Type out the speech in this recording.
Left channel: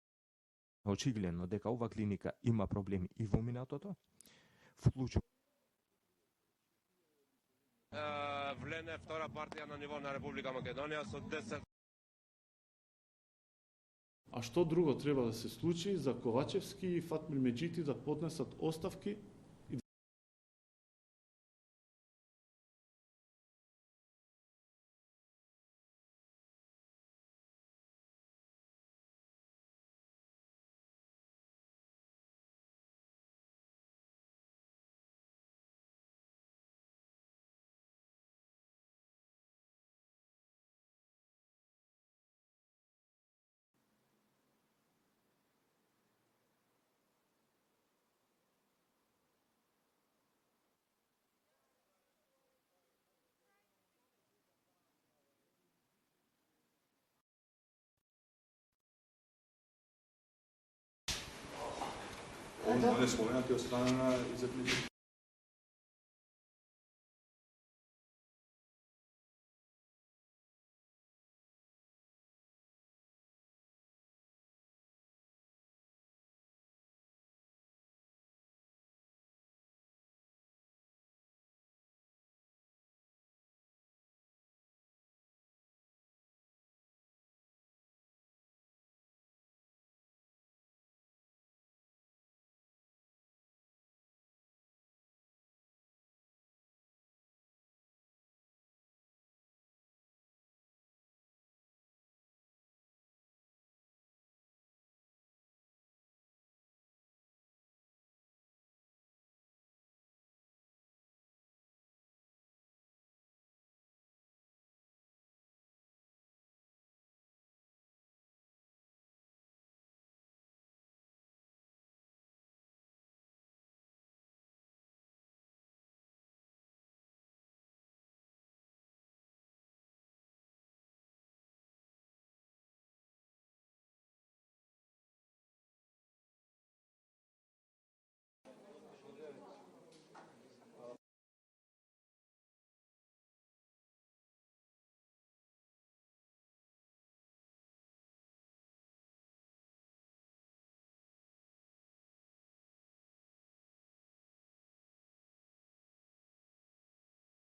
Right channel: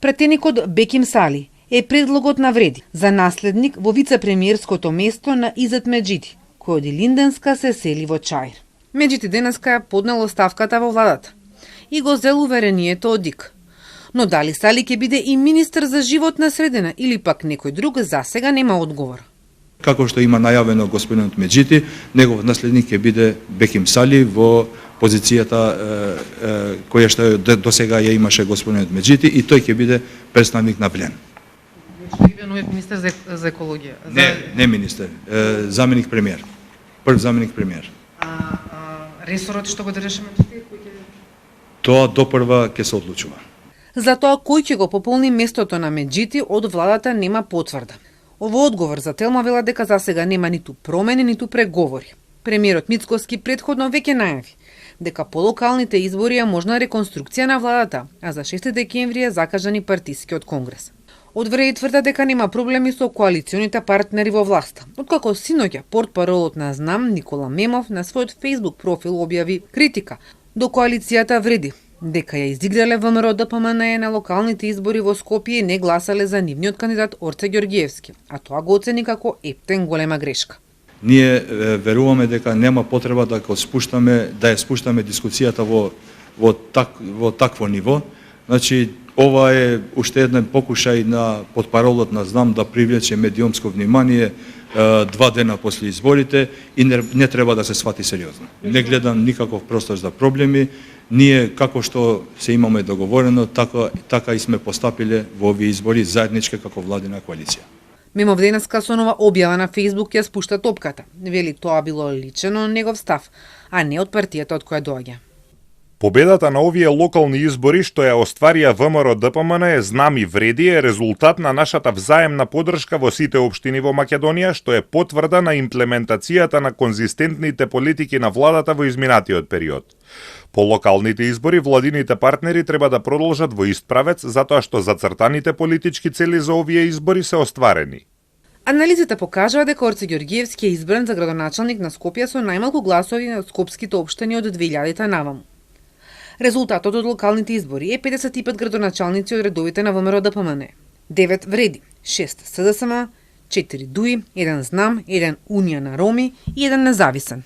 Претеникот Беким Сали е предлогот на Вреди за наследник во вице-премиерското место на Изет Меджити, кој од Илинденска се сели во Чаир. Меджити денеска ја поднел оставката во владата и го зел уверението од ДИК. Но дали Сали ќе биде и министер за животна средина или пак некој друг, засега нема одговор. Како што има најавено господинот Меджити, негов наследник ќе биде Беким Сали во позицијата која што до сега ја имаше господинот Меджити и тој ќе биде представник на Влен. Министер за екологија? Не министер, заменик премиер. Прв заменик премиер. Ресорот што го држеше Меджити? Тоа допрва ќе се одлучува. За тоа кој ќе го пополни местото на Меджити од владата нема потврда. Во одговор за Телма вела дека засега нема ниту промени, ниту преговори. Премиерот Мицкоски претходно веќе најави дека по локалните избори е можна реконструкција на владата, а за 6 декември е закажан и партискиот конгрес. Од Вреди тврда дека нема проблеми со коалиционите партнери во власт. Откако синоќа портпаролот на ЗНАМ Никола Мемов на својот Facebook профил објави критика до коалицијата Вреди, дека ја изиграле ВМРО ДПМН на локалните избори во Скопје и не гласале за нивниот кандидат Орце Ѓорѓиевски, а тоа го оцени како ептен голема грешка. Ние веруваме дека нема потреба да ја спуштаме дискусијата во такво ниво. Значи, ова е уште еден покушај на портпаролот на ЗНАМ да привлече медиумско внимание 2 дена после изборите и не треба да се свати сериозно. Не гледам никаков простор за проблеми. Ние, како што се имаме договорено, така и сме постапиле во овие избори заеднички како владина коалиција. Мемов денеска со нова објава на Facebook ја спушта топката. Вели тоа било личено негов став, а не од партијата од која доаѓа. Победата на овие локални избори што ја остварија ВМРО ДПМН е ЗНАМ и Вреди е резултат на нашата взаемна поддршка во сите општини во Македонија, што е потврда на имплементацијата на конзистентните политики на владата во изминатиот период. По локалните избори владините партнери треба да продолжат во ист правец затоа што зацртаните политички цели за овие избори се остварени. Анализите покажаа дека Орце Ѓорѓиевски е избран за градоначалник на Скопје со најмалку гласови на скопските општини од 2000-та наваму. Резултатот од локалните избори е 55 градоначалници од редовите на ВМРО ДПМН, 9 Вреди, 6 СДСМ, 4 ДУИ, 1 ЗНАМ, 1 Унија на Роми и 1 независен.